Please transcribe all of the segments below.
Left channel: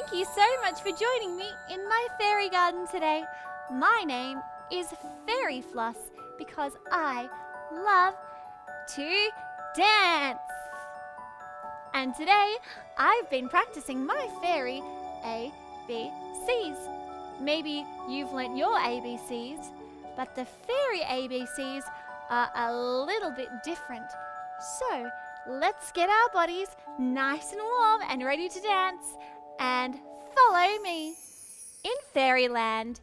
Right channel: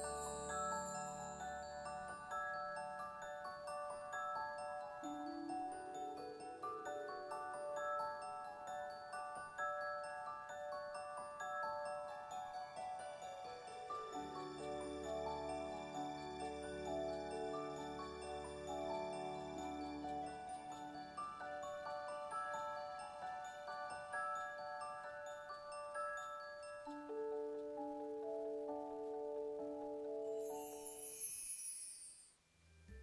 Thank you so much for joining me in my fairy garden today. My name is Fairy Floss because I love to dance. And today I've been practicing my fairy ABCs. Maybe you've learnt your ABCs, but the fairy ABCs are a little bit different. So let's get our bodies nice and warm and ready to dance and follow me. In Fairyland,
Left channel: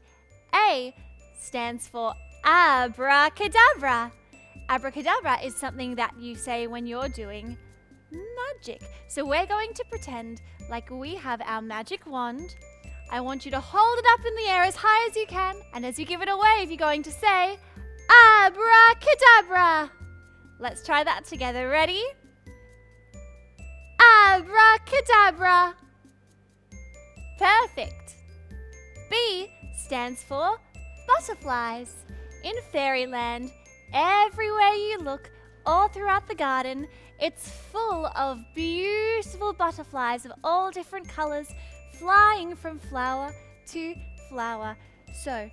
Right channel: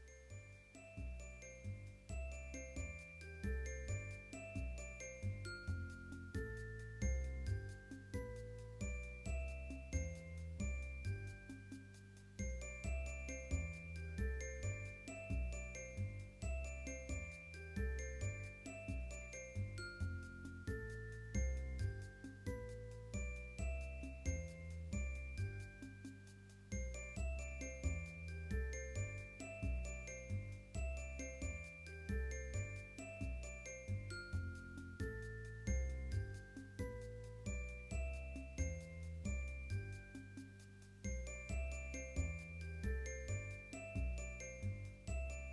A stands for abracadabra. Abracadabra is something that you say when you're doing magic. So we're going to pretend like we have our magic wand. I want you to hold it up in the air as high as you can, and as you give it a wave, you're going to say abracadabra. Let's try that together. Ready? Abracadabra. Perfect. B stands for butterflies. In Fairyland, everywhere you look, all throughout the garden, it's full of beautiful butterflies of all different colors flying from flower to flower. So,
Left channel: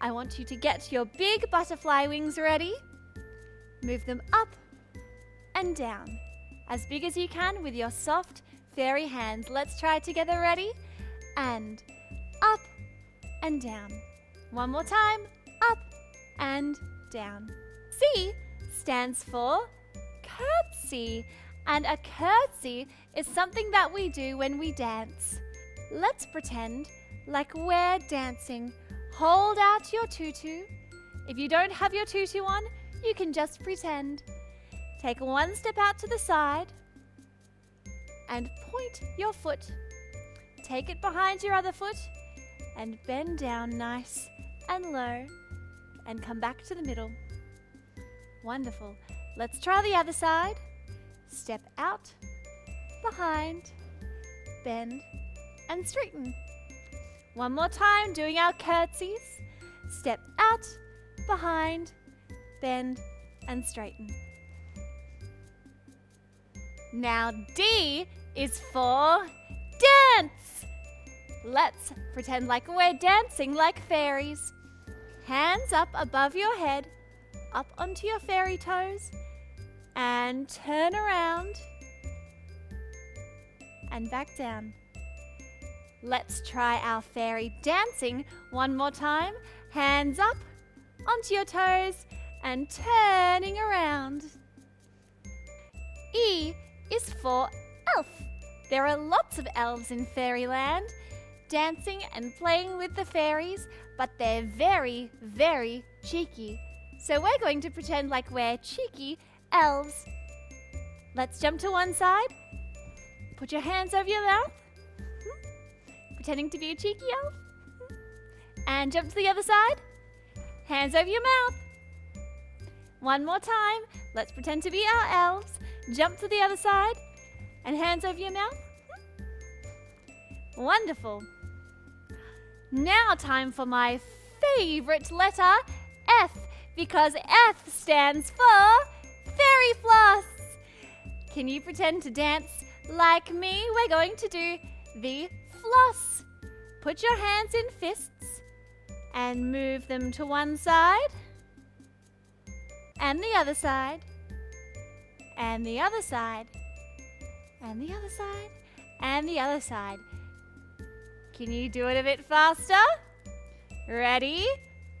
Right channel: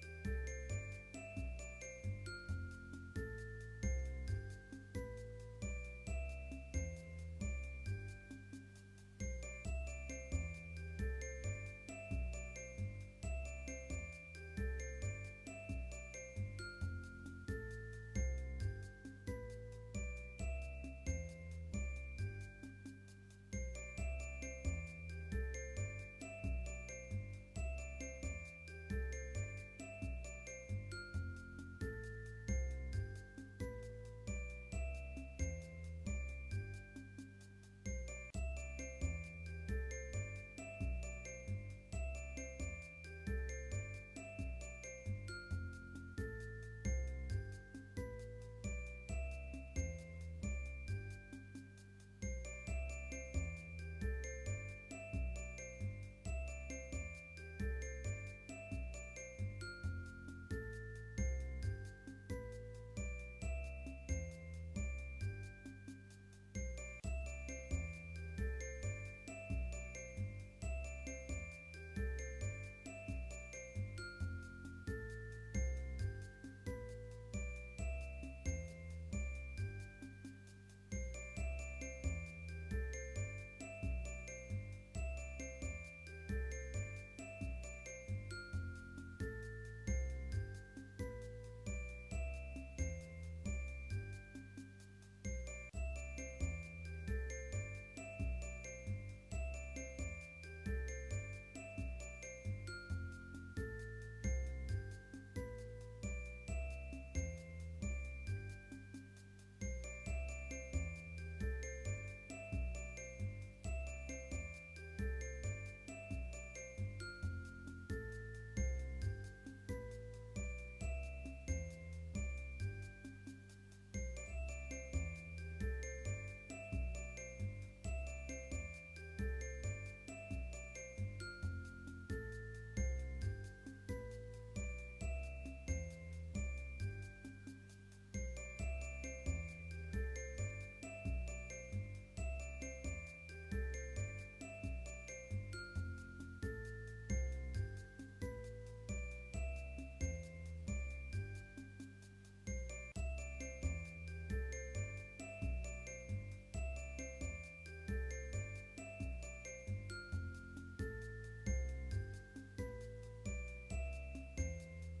I want you to get your big butterfly wings ready. Move them up and down, as big as you can with your soft fairy hands. Let's try it together. Ready? And up and down. One more time. Up and down. C stands for curtsy. And a curtsy is something that we do when we dance. Let's pretend like we're dancing. Hold out your tutu. If you don't have your tutu on, you can just pretend. Take one step out to the side and point your foot. Take it behind your other foot and bend down nice and low and come back to the middle. Wonderful. Let's try the other side. Step out, behind, bend and straighten. One more time, doing our curtsies. Step out, behind, bend and straighten. Now D is for dance. Let's pretend like we're dancing like fairies. Hands up above your head, up onto your fairy toes, and turn around and back down. Let's try our fairy dancing one more time. Hands up onto your toes and turning around. E is for elf. There are lots of elves in Fairyland, dancing and playing with the fairies, but they're very, very cheeky. So we're going to pretend like we're cheeky elves. Let's jump to one side. Put your hands over your mouth. Pretending to be a cheeky elf. And jump to the other side. Hands over your mouth. One more time. Let's pretend to be our elves. Jump to the other side. And hands over your mouth. Wonderful. Now time for my favorite letter, F, because F stands for Fairy Floss. Can you pretend to dance like me? We're going to do the floss. Put your hands in fists and move them to one side and the other side and the other side and the other side and the other side. Can you do it a bit faster? Ready?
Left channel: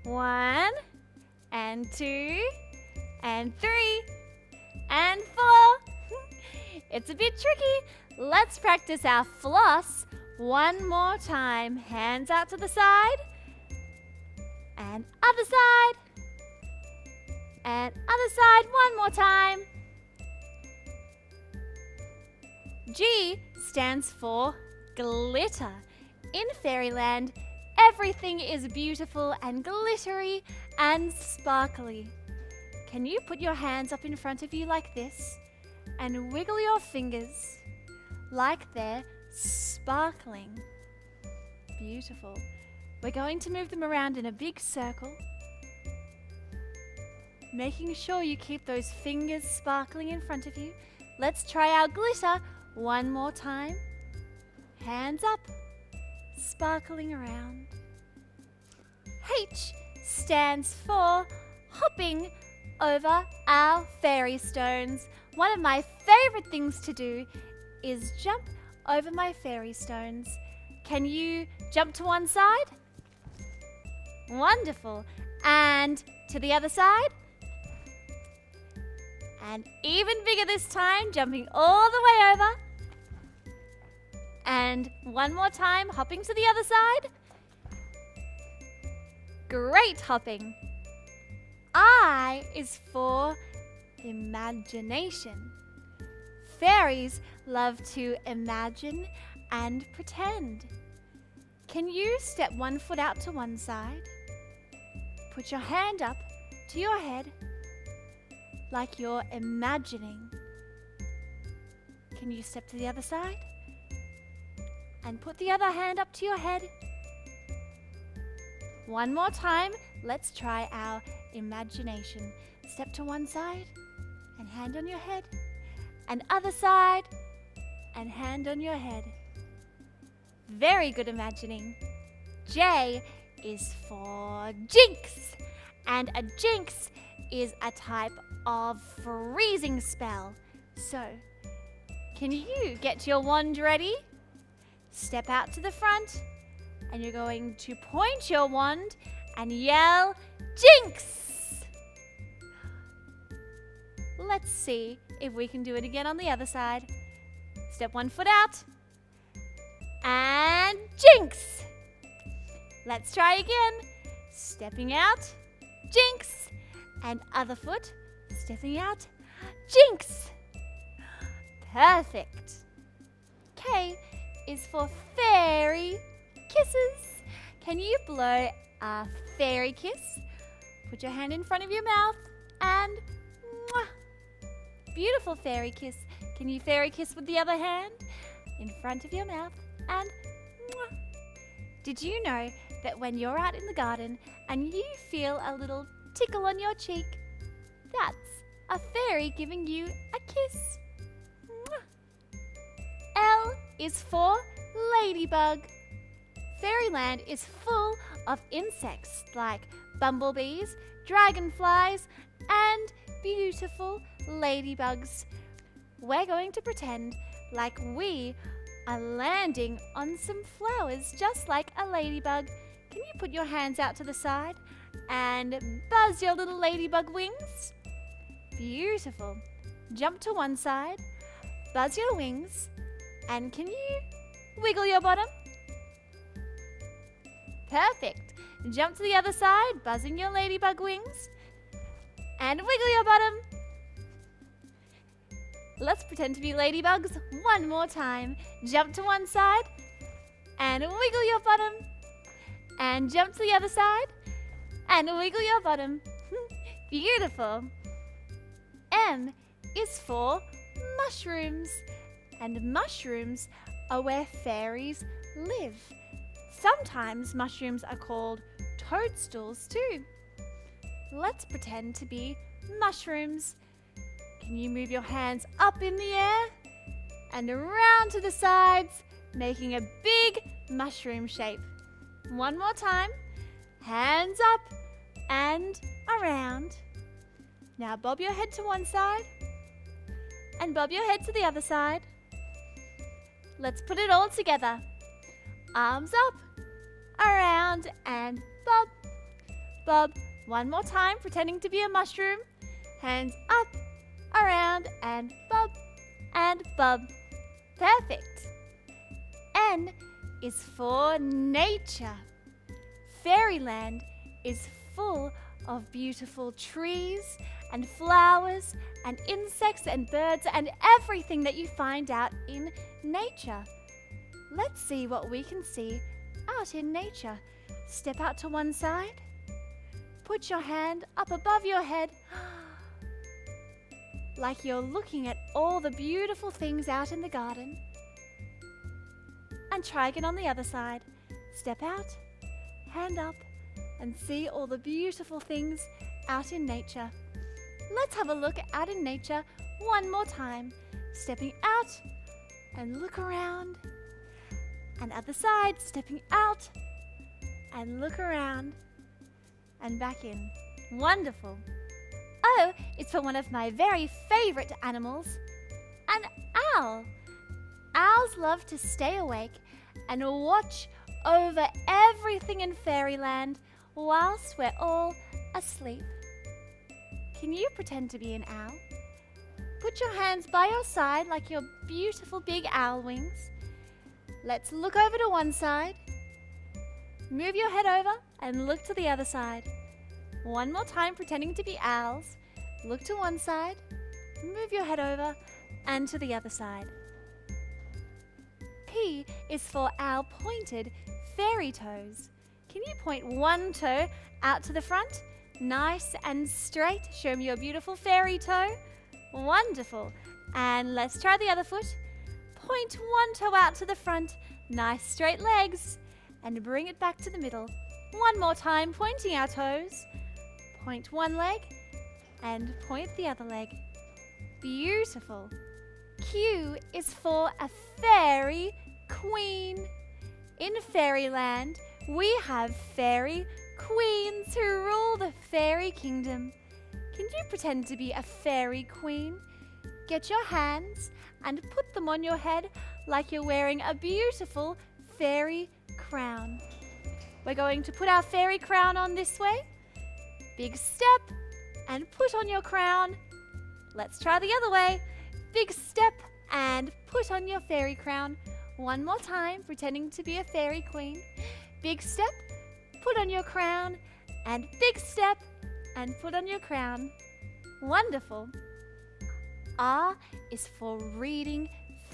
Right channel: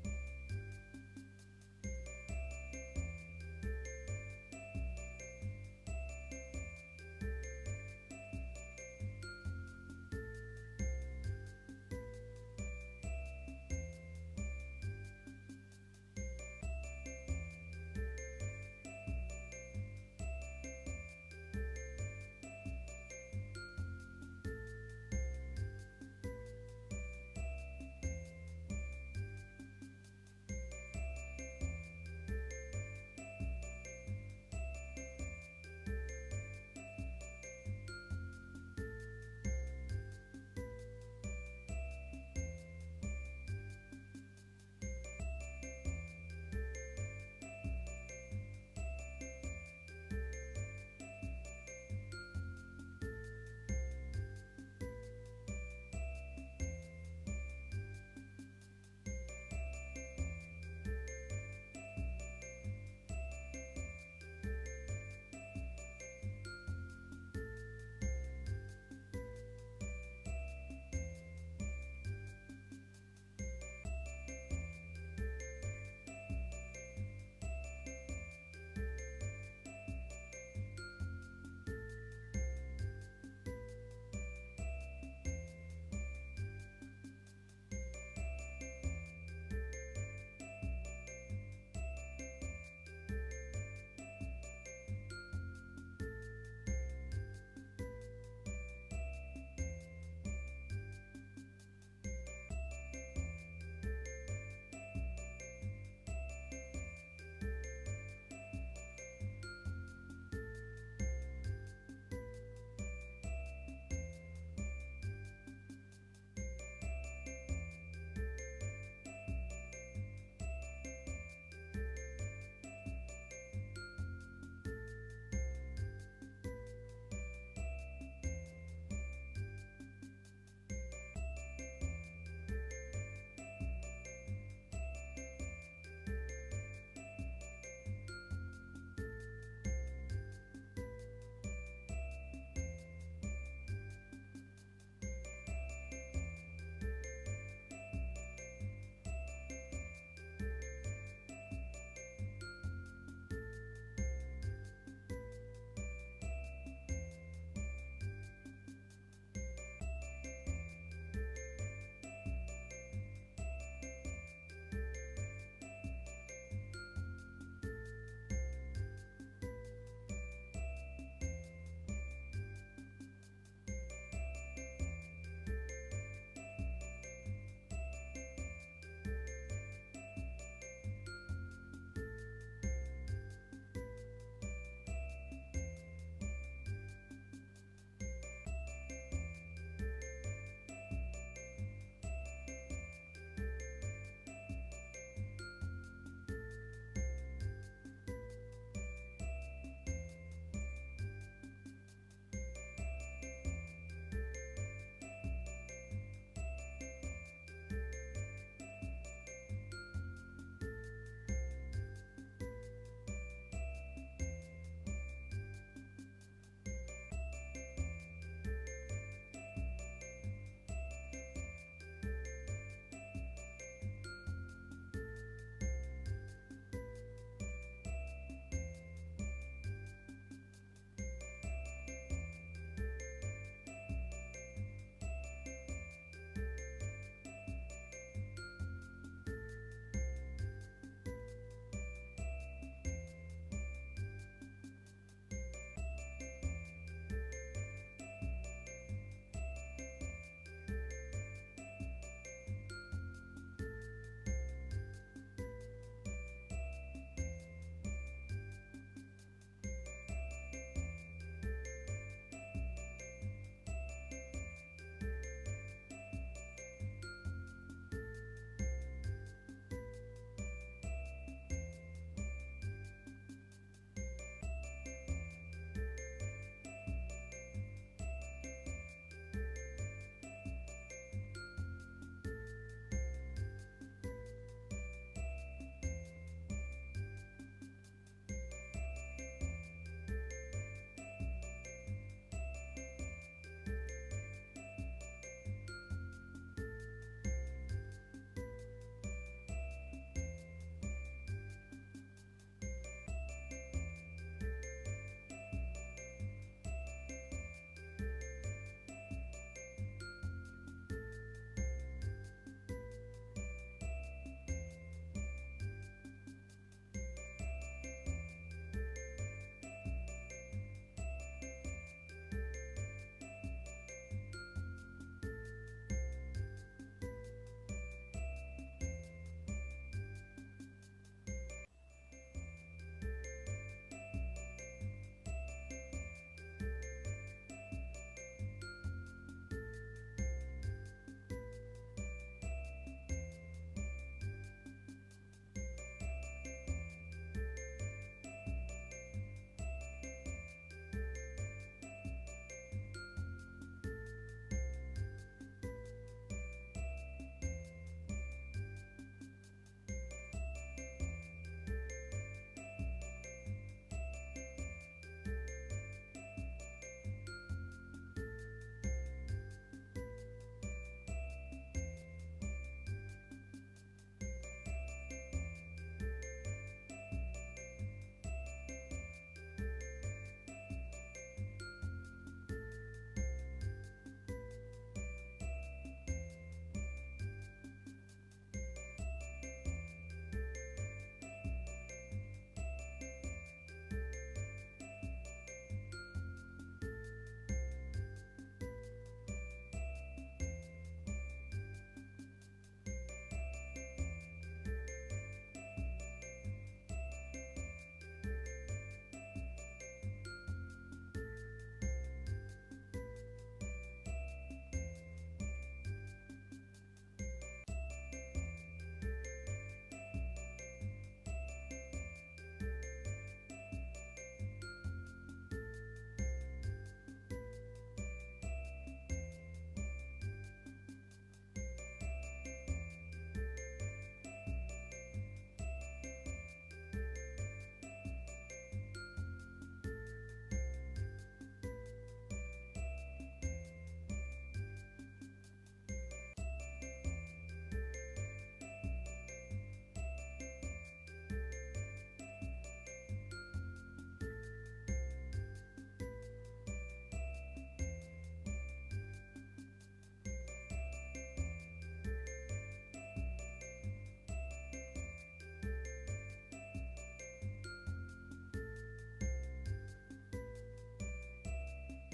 1 and 2 and 3 and 4. It's a bit tricky. Let's practice our floss one more time. Hands out to the side and other side and other side. One more time. G stands for glitter. In Fairyland, everything is beautiful and glittery and sparkly. Can you put your hands up in front of you like this and wiggle your fingers like they're sparkling? Beautiful. We're going to move them around in a big circle, making sure you keep those fingers sparkling in front of you. Let's try our glitter one more time. Hands up sparkling around. H stands for hopping over our fairy stones. One of my favorite things to do is jump over my fairy stones. Can you jump to one side? Wonderful. And to the other side? And even bigger this time, jumping all the way over. And one more time, hopping to the other side. Great hopping. I is for imagination. Fairies love to imagine and pretend. Can you step one foot out to one side? Put your hand up to your head like you're imagining. Can you step to the other side? And put the other hand up to your head. One more time, let's try our imagination. Step to one side and hand on your head. And other side and hand on your head. Very good imagining. J is for jinx. And a jinx is a type of freezing spell. So, can you get your wand ready? Step out to the front and you're going to point your wand and yell, jinx! Let's see if we can do it again on the other side. Step one foot out and jinx! Let's try again. Stepping out, jinx! And other foot, stepping out, jinx! Perfect. K is for fairy kisses. Can you blow a fairy kiss? Put your hand in front of your mouth and mwah! Beautiful fairy kiss. Can you fairy kiss with the other hand? In front of your mouth and mwah! Did you know that when you're out in the garden and you feel a little tickle on your cheek, that's a fairy giving you a kiss? Mwah! L is for ladybug. Fairyland is full of insects like bumblebees, dragonflies, and beautiful ladybugs. We're going to pretend like we are landing on some flowers just like a ladybug. Can you put your hands out to the side and buzz your little ladybug wings? Beautiful. Jump to one side, buzz your wings, and can you wiggle your bottom? Perfect. Jump to the other side, buzzing your ladybug wings, and wiggle your bottom. Let's pretend to be ladybugs one more time. Jump to one side, and wiggle your bottom, and jump to the other side, and wiggle your bottom. Beautiful. M is for mushrooms, and mushrooms are where fairies live. Sometimes mushrooms are called toadstools too. Let's pretend to be mushrooms. Can you move your hands up in the air and around to the sides, making a big mushroom shape? One more time. Hands up and around. Now bob your head to one side and bob your head to the other side. Let's put it all together. Arms up, around, and bob. Bob. One more time, pretending to be a mushroom. Hands up, around, and bob. And bob. Perfect. N is for nature. Fairyland is full of beautiful trees and flowers and insects and birds and everything that you find out in nature. Let's see what we can see out in nature. Step out to one side. Put your hand up above your head like you're looking at all the beautiful things out in the garden. And try again on the other side. Step out, hand up, and see all the beautiful things out in nature. Let's have a look out in nature one more time. Stepping out and look around and other side, stepping out and look around and back in. Wonderful. Oh, it's for one of my very favorite animals, an owl. Owls love to stay awake and watch over everything in fairyland whilst we're all asleep. Can you pretend to be an owl? Put your hands by your side like your beautiful big owl wings. Let's look over to one side. Move your head over and look to the other side. One more time, pretending to be owls. Look to one side, move your head over, and to the other side. P is for our pointed fairy toes. Can you point one toe out to the front? Nice and straight. Show me your beautiful fairy toe. Wonderful. And let's try the other foot. Point one toe out to the front. Nice straight legs. And bring it back to the middle. One more time, pointing our toes. Point one leg and point the other leg. Beautiful. Q is for a fairy queen. In fairyland, we have fairy queens who rule the fairy kingdom. Can you pretend to be a fairy queen? Get your hands and put them on your head like you're wearing a beautiful fairy crown. We're going to put our fairy crown on this way. Big step and put on your crown. Let's try the other way. Big step and put on your fairy crown. One more time, pretending to be a fairy queen. Big step, put on your crown, and big step and put on your crown. Wonderful. R is for reading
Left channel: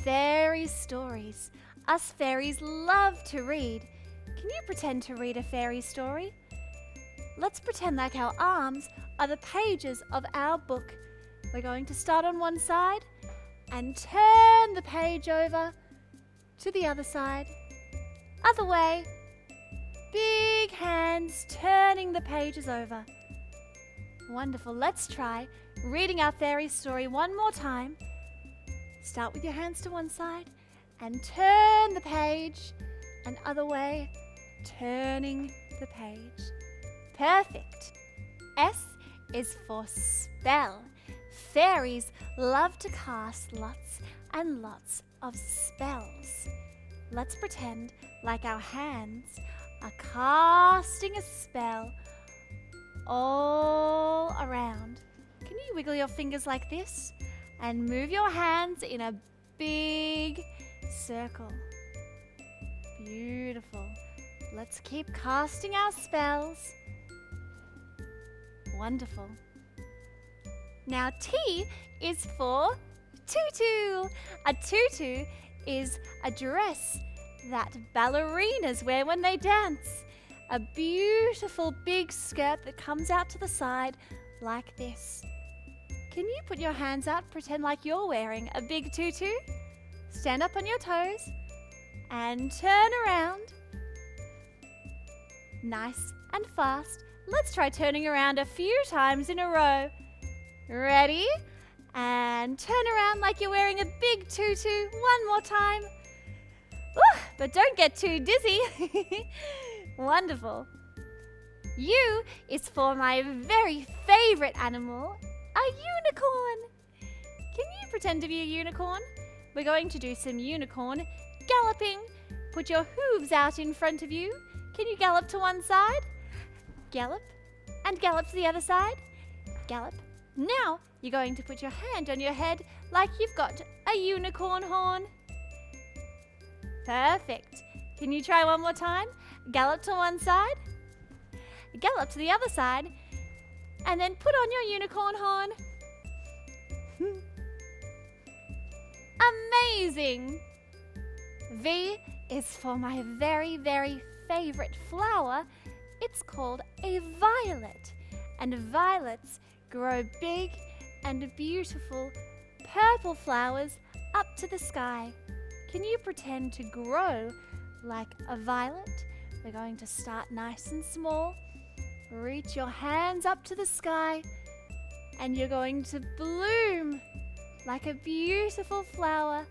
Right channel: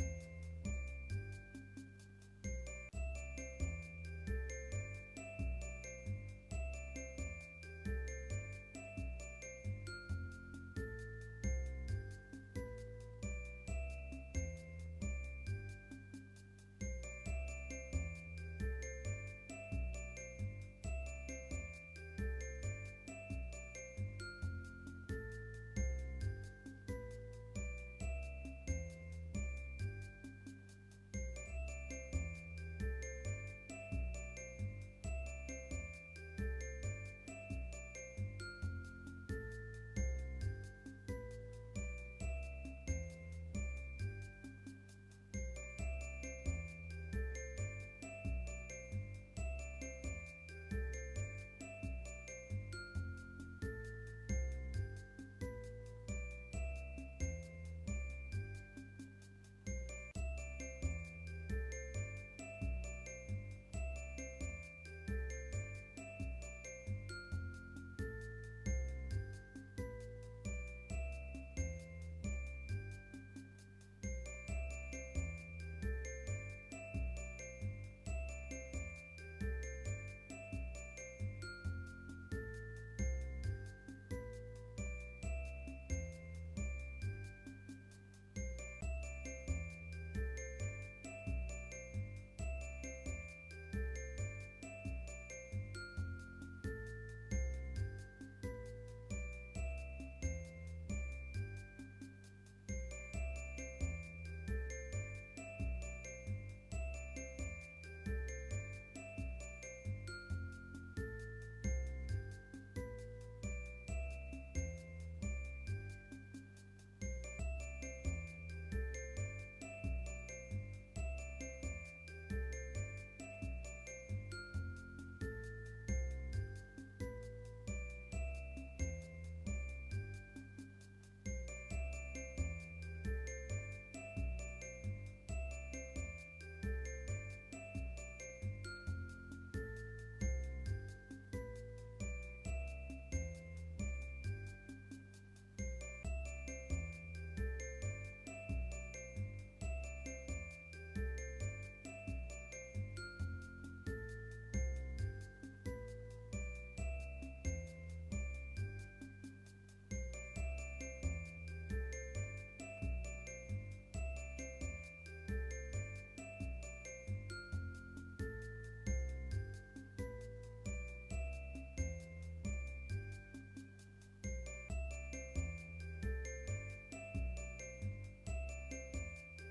fairy stories. Us fairies love to read. Can you pretend to read a fairy story? Let's pretend like our arms are the pages of our book. We're going to start on one side and turn the page over to the other side. Other way. Big hands turning the pages over. Wonderful. Let's try reading our fairy story one more time. Start with your hands to one side and turn the page, and other way, turning the page. Perfect. S is for spell. Fairies love to cast lots and lots of spells. Let's pretend like our hands are casting a spell all around. Can you wiggle your fingers like this and move your hands in a big circle? Beautiful. Let's keep casting our spells. Wonderful. Now T is for tutu. A tutu is a dress that ballerinas wear when they dance. A beautiful big skirt that comes out to the side like this. Can you put your hands out, pretend like you're wearing a big tutu? Stand up on your toes and turn around. Nice and fast. Let's try turning around a few times in a row. Ready? And turn around like you're wearing a big tutu. One more time. Ooh, but don't get too dizzy. Wonderful. U is for my very favorite animal, a unicorn. Can you pretend to be a unicorn? We're going to do some unicorn galloping. Put your hooves out in front of you. Can you gallop to one side? Gallop, and gallop to the other side. Gallop. Now you're going to put your hand on your head like you've got a unicorn horn. Perfect. Can you try one more time? Gallop to one side, gallop to the other side, and then put on your unicorn horn. Amazing! V is for my very, very favorite flower. It's called a violet, and violets grow big and beautiful purple flowers up to the sky. Can you pretend to grow like a violet? We're going to start nice and small. Reach your hands up to the sky, and you're going to bloom like a beautiful flower.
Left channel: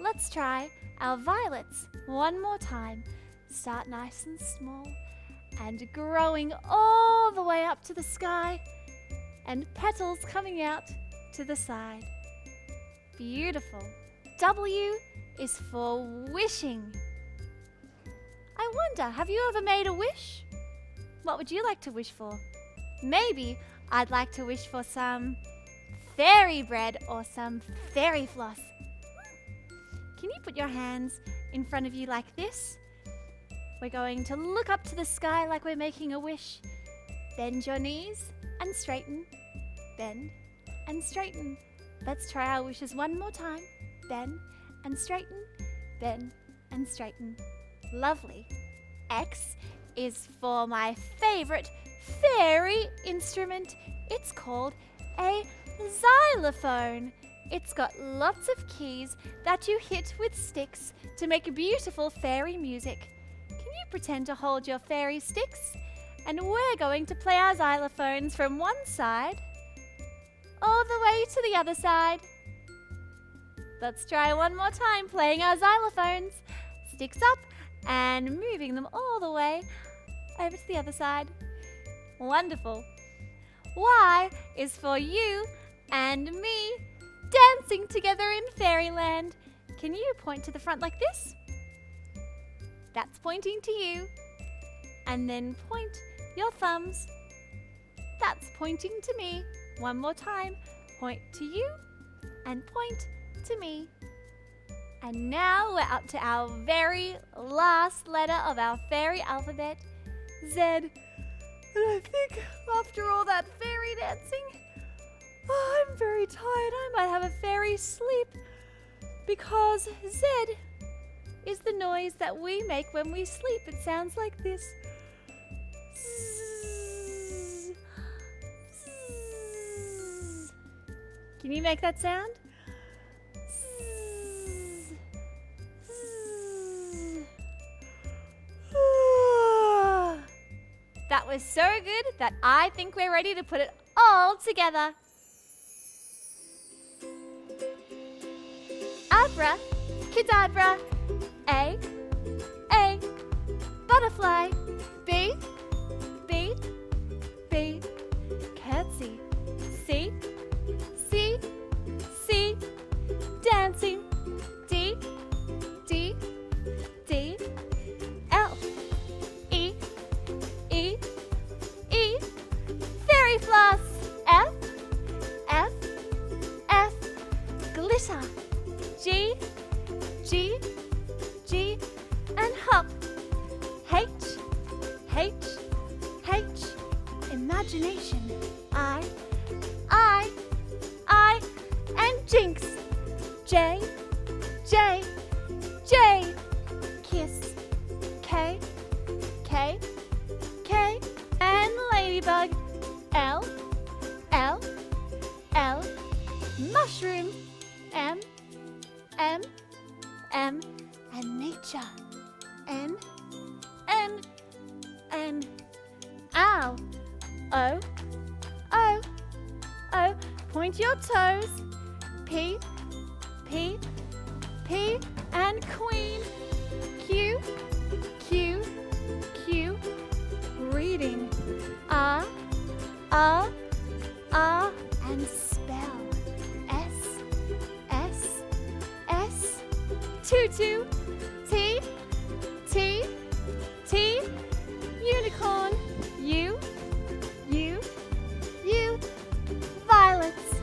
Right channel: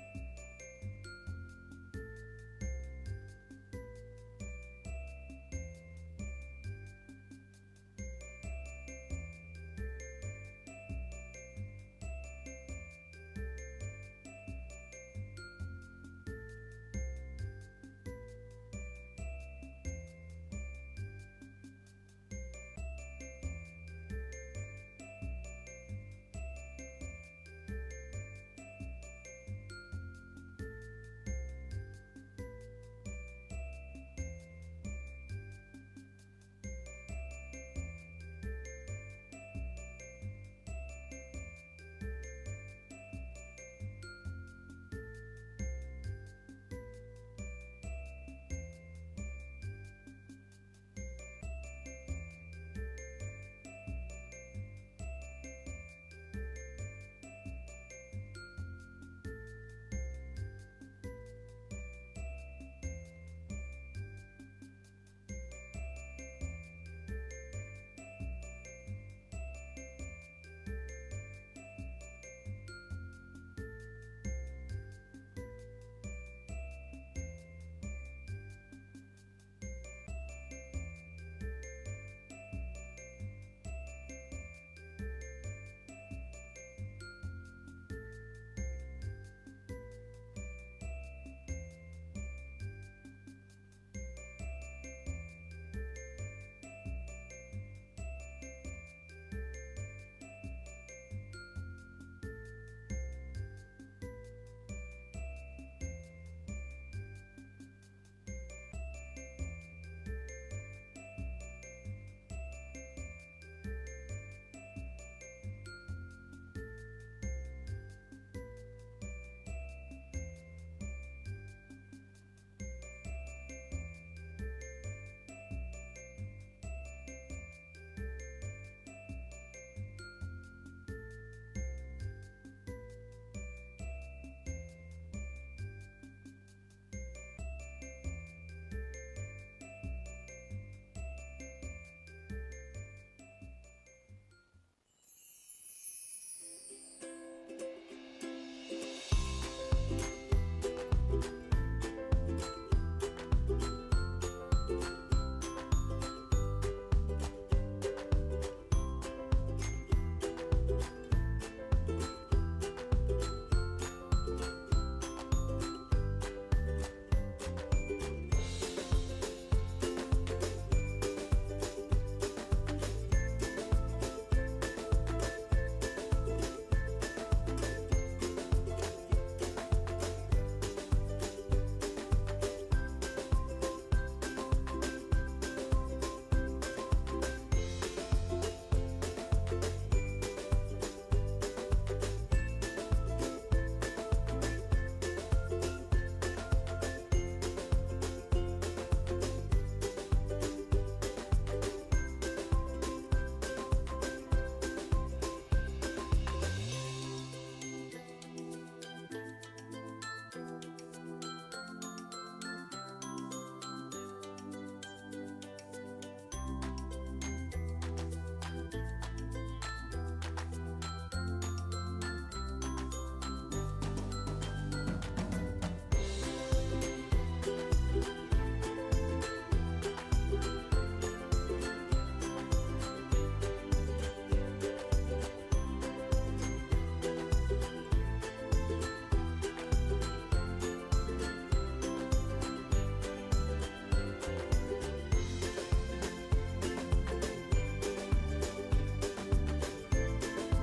Let's try our violets one more time. Start nice and small and growing all the way up to the sky, and petals coming out to the side. Beautiful. W is for wishing. I wonder, have you ever made a wish? What would you like to wish for? Maybe I'd like to wish for some fairy bread or some fairy floss. Can you put your hands in front of you like this? We're going to look up to the sky like we're making a wish. Bend your knees and straighten. Bend and straighten. Let's try our wishes one more time. Bend and straighten. Bend and straighten. Lovely. X is for my favorite fairy instrument. It's called a xylophone. It's got lots of keys that you hit with sticks to make beautiful fairy music. Can you pretend to hold your fairy sticks? And we're going to play our xylophones from one side all the way to the other side. Let's try one more time playing our xylophones. Sticks up and moving them all the way over to the other side. Wonderful. Y is for you and me dancing together in fairyland. Can you point to the front like this? That's pointing to you. And then point your thumbs. That's pointing to me. One more time. Point to you and point to me. And now we're up to our very last letter of our fairy alphabet, Z. And I think after all that fairy dancing, I'm very tired. I might have a fairy sleep, because Z is the noise that we make when we sleep. It sounds like this. Zzz. Zzz. Can you make that sound? Zzz. Zzz. That was so good that I think we're ready to put it all together. Abra, cadabra. A, butterfly. B, B, B, curtsy. C, C, C, dancing. D, D, D, L, E, E, E, fairy floss. F, F, F, glitter. G, G, G, and hop. H, H, H, imagination. I, and jinx. J, J, J, kiss. K, K, K, and ladybug. L, L, L, mushroom. M, M, M, and nature. N, N, N, ow. O, O, O, point your toes. P, P, P, and queen. Q, Q, Q, reading. R, R, R, and spell. S, S, S, tutu. T, T, T, unicorn. U, U, U, violets.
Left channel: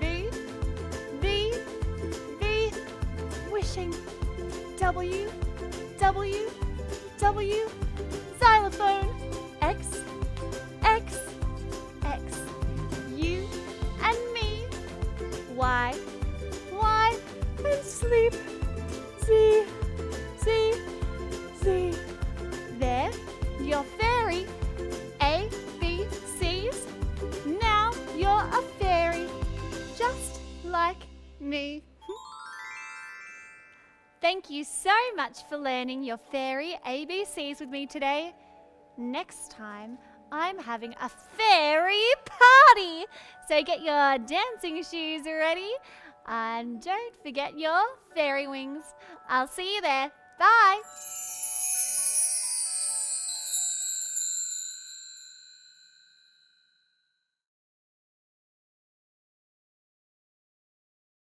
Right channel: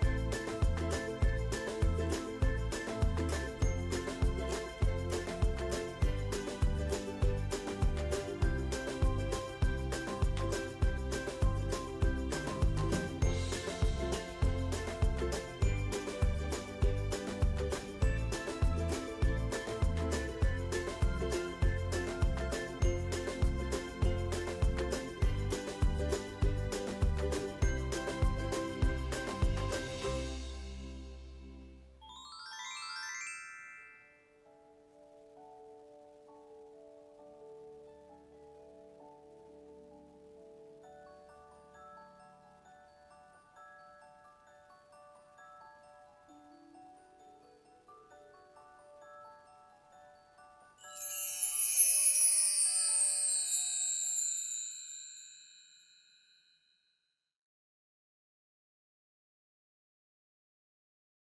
V, V, V, wishing. W, W, W, xylophone. X, X, X, you and me. Y, Y, and sleep. Z, Z, Z. There, your fairy. A, B, C's. Now you're a fairy, just like me. Thank you so much for learning your fairy ABCs with me today. Next time, I'm having a fairy party. So get your dancing shoes ready. And don't forget your fairy wings. I'll see you there. Bye!